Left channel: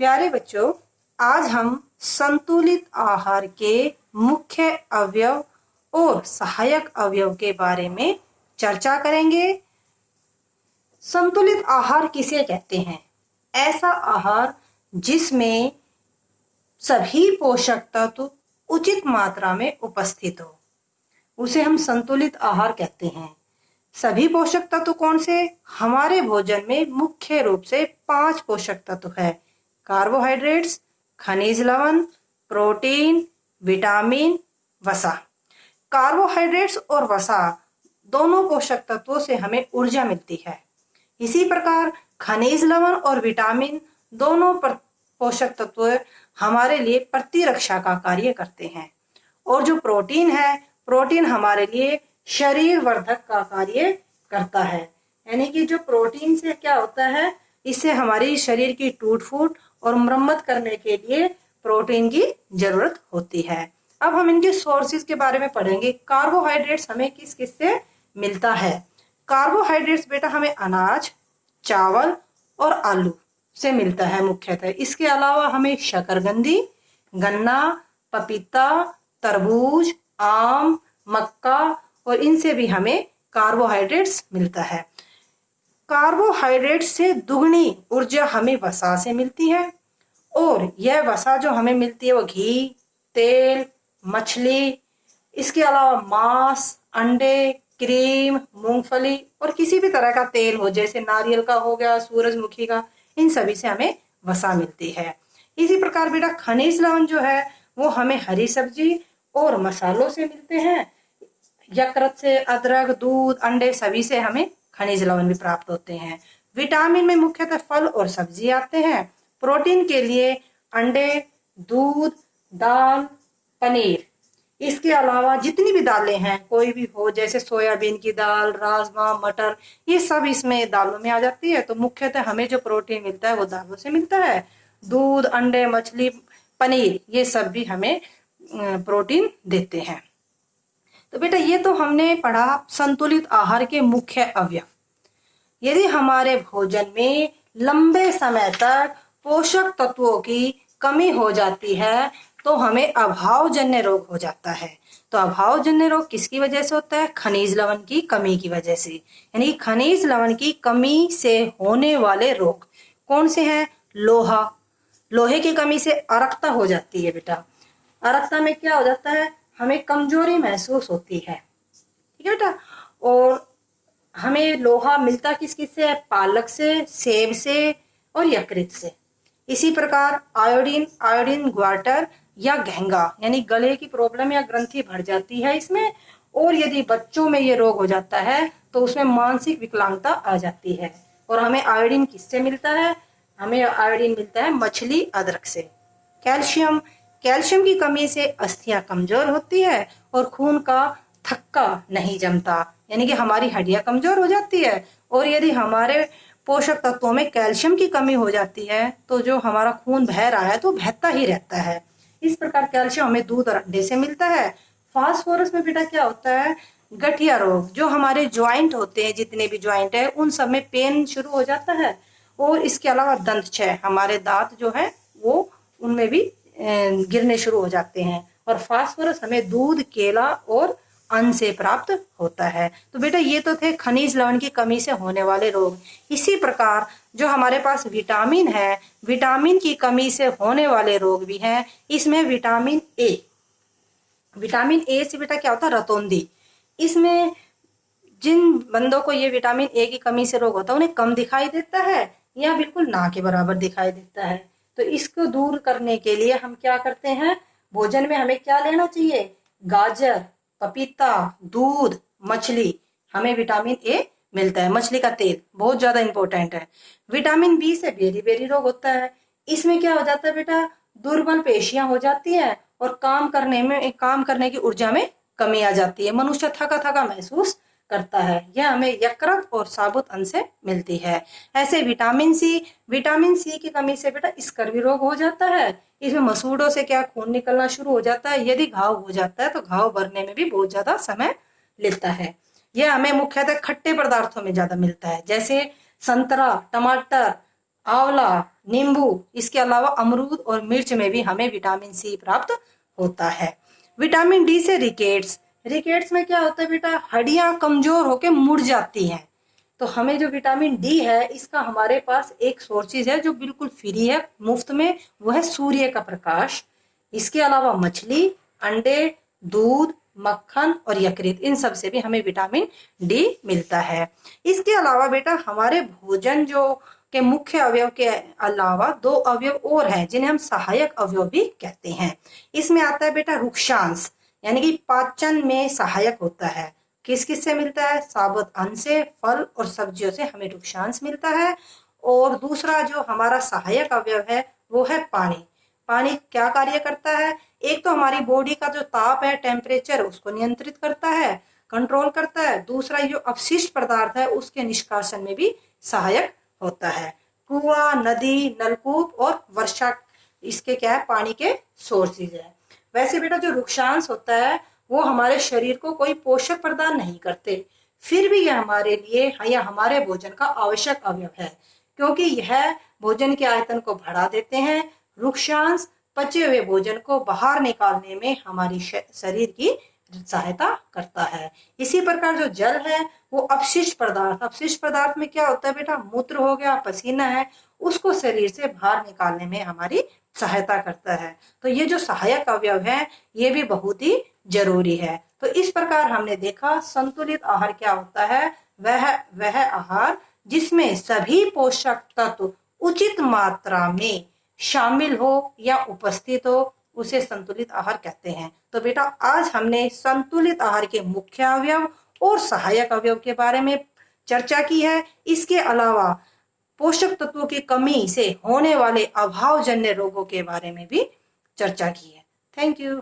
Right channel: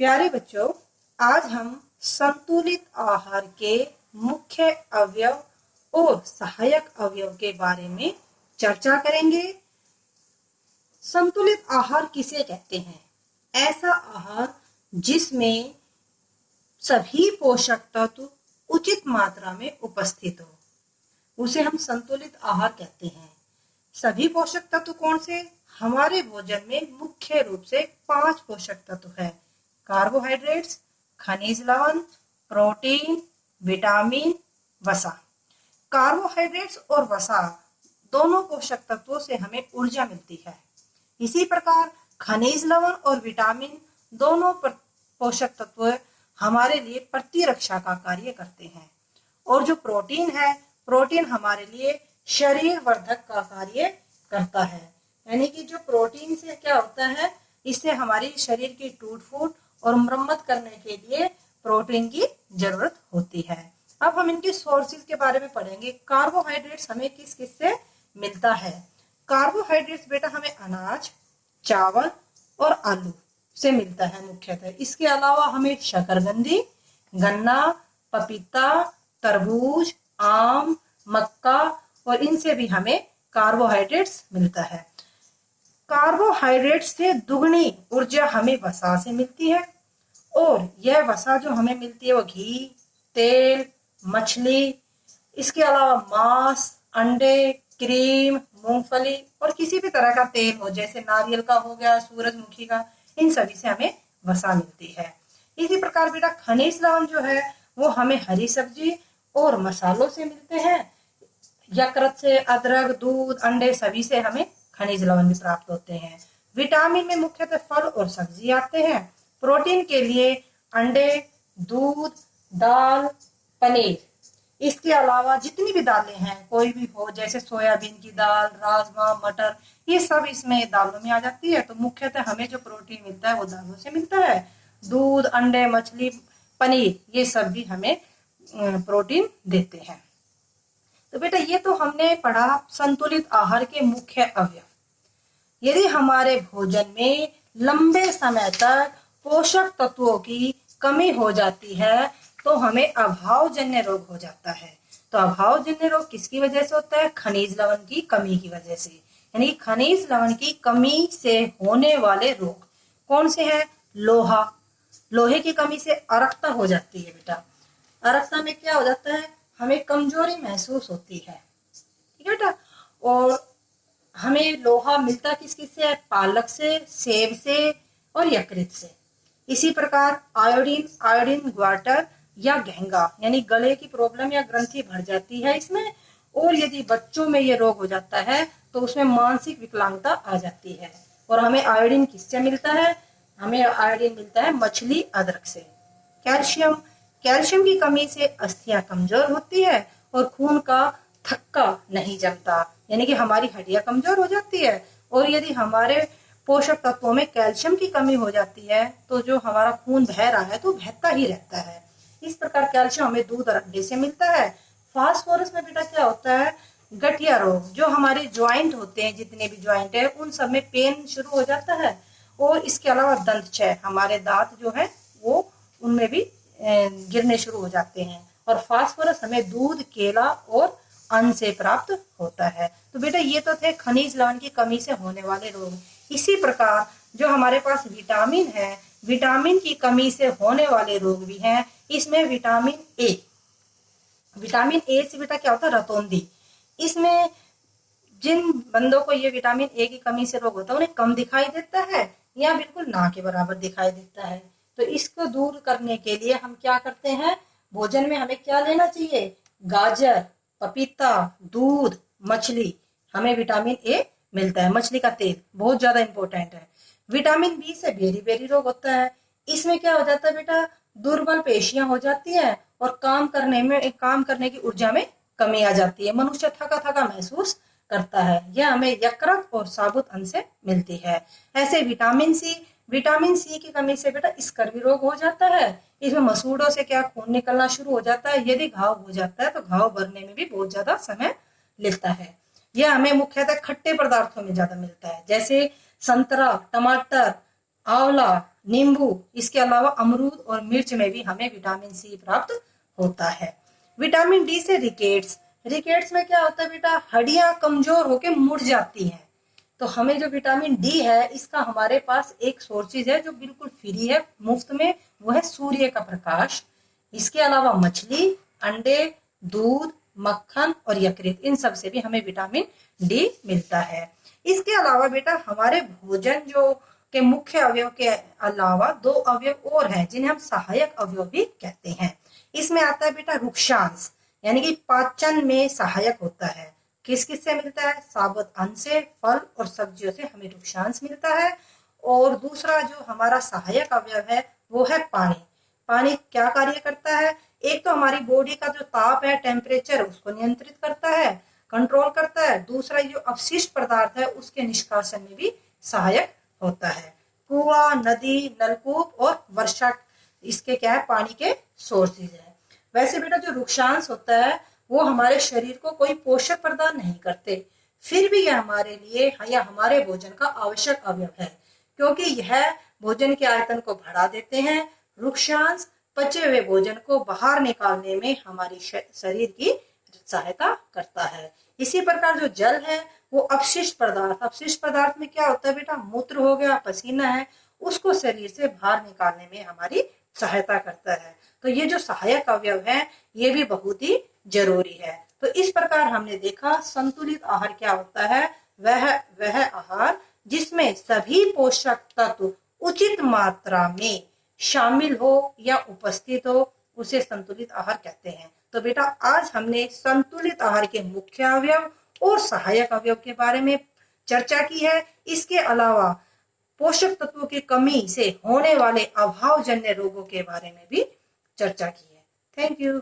प्यारे बच्चों, आज हम संतुलित आहार के मुख्य अवयव और सहायक अवयव के बारे में चर्चा करेंगे। संतुलित आहार किसे कहते हैं? ऐसा आहार जिसमें सभी पोषक तत्व उचित मात्रा में उपस्थित हो, उसे हम संतुलित आहार कहते हैं। सभी पोषक तत्व कौन से? हमारे भोजन में मुख्य रूप से 5 पोषक तत्व है: कार्बोहाइड्रेट्स, खनिज लवण, प्रोटीन, विटामिन, वसा। कार्बोहाइड्रेट्स और वसा दोनों पोषक तत्वों से हमें ऊर्जा मिलती है। इसी प्रकार खनिज लवण और विटामिन दोनों पोषक तत्व हमारे लिए प्रतिरक्षा का कार्य करते हैं। और जो प्रोटीन है, प्रोटीन हमारे लिए शरीर वर्धक का कार्य करता है। यानी कि जो प्रोटीन से क्या होता है, इससे हमारी शरीर की टूट फूट और मरम्मत करने के लिए प्रोटीन की जरूरत होती है। अब हम इनके सोर्सेज के बारे में पढ़ेंगे। कार्बोहाइड्रेट्स हमें किस किस से मिलता है? कार्बोहाइड्रेट्स बेटा हमें अनाज, चावल और आलू से मिलता है मुख्यतः। इसके अलावा हमें शकरकंदी, गन्ना, पपीता, तरबूज, आम, मक्का और इनसे भी हमें कार्बोहाइड्रेट्स मिलता है। कार्बोहाइड्रेट्स से दुगनी ऊर्जा हमें वसा से मिलती है। और यह वसा जो हमें मिलती है वो घी, तेल, मछली, इसके अलावा मांस, अंडे, क्रीम, मूंगफली और किसी भी तरह का तेल हो, जैसे नारियल का हो गया, सूरजमुखी का, इन सभी से हमें वसा मिलती है। इसी प्रकार बेटा खनिज लवण जो है वो हमें हरी सब्जी और मसालों से मिलते हैं। यकृत से, अदरक, दूध, अंडे सभी से हमें खनिज लवण भी प्राप्त होते हैं। विटामिन में मुख्यतः फल और सब्जी आते हैं। प्रोटीन के लिए अंडे, दूध, दाल, पनीर, इसके अलावा जितनी भी दालें हैं, कोई भी हो, जैसे सोयाबीन की दाल, राजमा, मटर, ये सब इसमें दालों में आ जाती है। तो मुख्यतः हमें जो प्रोटीन मिलता है वो दालों से मिलता है। दूध, अंडे, मछली, पनीर, ये सब भी हमें प्रोटीन देते हैं। तो बेटा ये तो हमने पढ़ा संतुलित आहार के मुख्य अवयव। यदि हमारे भोजन में लंबे समय तक पोषक तत्वों की कमी हो जाती है तो हमें अभावजन्य रोग हो जाता है। तो अभावजन्य रोग किसकी वजह से होता है? खनिज लवण की कमी की वजह से। यानी खनिज लवण की कमी से होने वाले रोग कौन से हैं? लोहा, लोहे की कमी से अरक्ता हो जाती है बेटा। अरक्ता में क्या हो जाता है? हमें कमजोरी महसूस होती है, ठीक है बेटा। और हमें लोहा मिलता किस किस से है? पालक से, सेब से और यकृत से। इसी प्रकार आयोडीन, आयोडीन ग्वाटर या घेंगा, यानी गले की प्रॉब्लम या ग्रंथि बढ़ जाती है इसमें। और यदि बच्चों में ये रोग हो जाता है तो उसमें मानसिक विकलांगता आ जाती है। और हमें आयोडीन किससे मिलता है? हमें आयोडीन मिलता है मछली, अदरक से। कैल्शियम, कैल्शियम की कमी से अस्थियां कमजोर होती है और खून का थक्का नहीं जमता, यानी कि हमारी हड्डियां कमजोर हो जाती है। और यदि हमारे पोषक तत्वों में कैल्शियम की कमी हो जाती है तो जो हमारा खून बह रहा है तो बहता ही रहता है। इस प्रकार कैल्शियम हमें दूध और अंडे से मिलता है। फास्फोरस में बेटा क्या होता है? गठिया रोग, जो हमारे ज्वाइंट होते हैं, जितने भी ज्वाइंट है उन सब में पेन शुरू हो जाता है। और इसके अलावा दंत क्षय, हमारे दांत जो है वो उनमें भी गिरने शुरू हो जाते हैं। और फास्फोरस हमें दूध, केला और अन्न से प्राप्त होता है। तो बेटा ये तो थे खनिज लवण की कमी से होने वाले रोग। इसी प्रकार जो हमारे पास विटामिन है, विटामिन की कमी से होने वाले रोग भी हैं। इसमें विटामिन ए, विटामिन ए से बेटा क्या होता है? रतौंधी। इसमें जिन बंदों को ये विटामिन ए की कमी से रोग होता है उन्हें कम दिखाई देता है या बिल्कुल ना के बराबर दिखाई देता है। तो इसको दूर करने के लिए हम क्या करते हैं? भोजन में हमें क्या लेना चाहिए? गाजर, पपीता, दूध, मछली, हमें विटामिन ए मिलता है। मछली का तेल बहुत ज्यादा इंपॉर्टेंट है। विटामिन बी से बेरी बेरी रोग होता है। इसमें क्या हो जाता है बेटा? दुर्बल पेशियां हो जाती है और काम करने की ऊर्जा में कमी आ जाती है। मनुष्य थका थका महसूस करता है। यह हमें यकृत और साबुत अन्न से मिलती है। ऐसे विटामिन सी की कमी से बेटा स्कर्वी रोग हो जाता है। इसमें मसूड़ों से क्या खून निकलना शुरू हो जाता है। यदि घाव हो जाता है तो घाव भरने में भी बहुत ज्यादा समय लेता है। यह हमें मुख्यतः खट्टे पदार्थों में ज्यादा मिलता है, जैसे संतरा, टमाटर, आंवला, नींबू, इसके अलावा अमरूद और मिर्च में भी हमें विटामिन सी प्राप्त होता है। विटामिन डी से रिकेट्स, रिकेट्स में क्या होता है बेटा, हड्डियां कमजोर होकर मुड़ जाती हैं। तो हमें जो विटामिन डी है इसका हमारे पास एक सोर्सेज है जो बिल्कुल फ्री है, मुफ्त में, वो है सूर्य का प्रकाश। इसके अलावा मछली, अंडे, दूध, मक्खन और यकृत, इन सब से भी हमें विटामिन डी मिलता है। इसके अलावा बेटा हमारे भोजन जो के मुख्य अवयव के अलावा दो अवयव और हैं जिन्हें हम सहायक अवयव भी कहते हैं। इसमें आता है बेटा रुक्षांश, यानी कि पाचन में सहायक होता है। किस किस से मिलता है, साबुत अन्न से, फल और सब्जियों से हमें रुक्षांश मिलता है। और दूसरा जो हमारा सहायक अवयव है वो है पानी। पानी क्या कार्य करता है, एक तो हमारी बॉडी का जो ताप है, टेम्परेचर, उसको नियंत्रित करता है, कंट्रोल करता है। दूसरा जो अपशिष्ट पदार्थ है उसके निष्कासन में भी सहायक होता है। कुआं, नदी, नलकूप और वर्षा, इसके क्या है, पानी के सोर्सेज है। वैसे बेटा जो रुक्षांश होता है वो हमारे शरीर को कोई पोषक प्रदान नहीं करते, फिर भी यह हमारे लिए या हमारे भोजन का आवश्यक अवयव है, क्योंकि यह भोजन के आयतन को बढ़ा देते हैं। रुक्षांश पचे हुए भोजन को बाहर निकालने में हमारी शरीर की सहायता करता है। इसी प्रकार जो जल है वो अपशिष्ट पदार्थ, अपशिष्ट पदार्थ में क्या होता है बेटा, मूत्र हो गया, पसीना है, उसको शरीर से बाहर निकालने में हमारी सहायता करता है। तो ये जो सहायक अवयव है ये भी बहुत ही जरूरी है। तो इस प्रकार हमने देखा संतुलित आहार क्या होता है, वह आहार जिसमें सभी पोषक तत्व उचित मात्रा में शामिल हो या उपस्थित हो, उसे संतुलित आहार कहते हैं। तो बेटा आज हमने संतुलित आहार के मुख्य अवयव और सहायक अवयव के बारे में चर्चा की है। इसके अलावा पोषक तत्वों की कमी से होने वाले अभावजन्य रोगों के बारे में भी चर्चा की है। Thank you.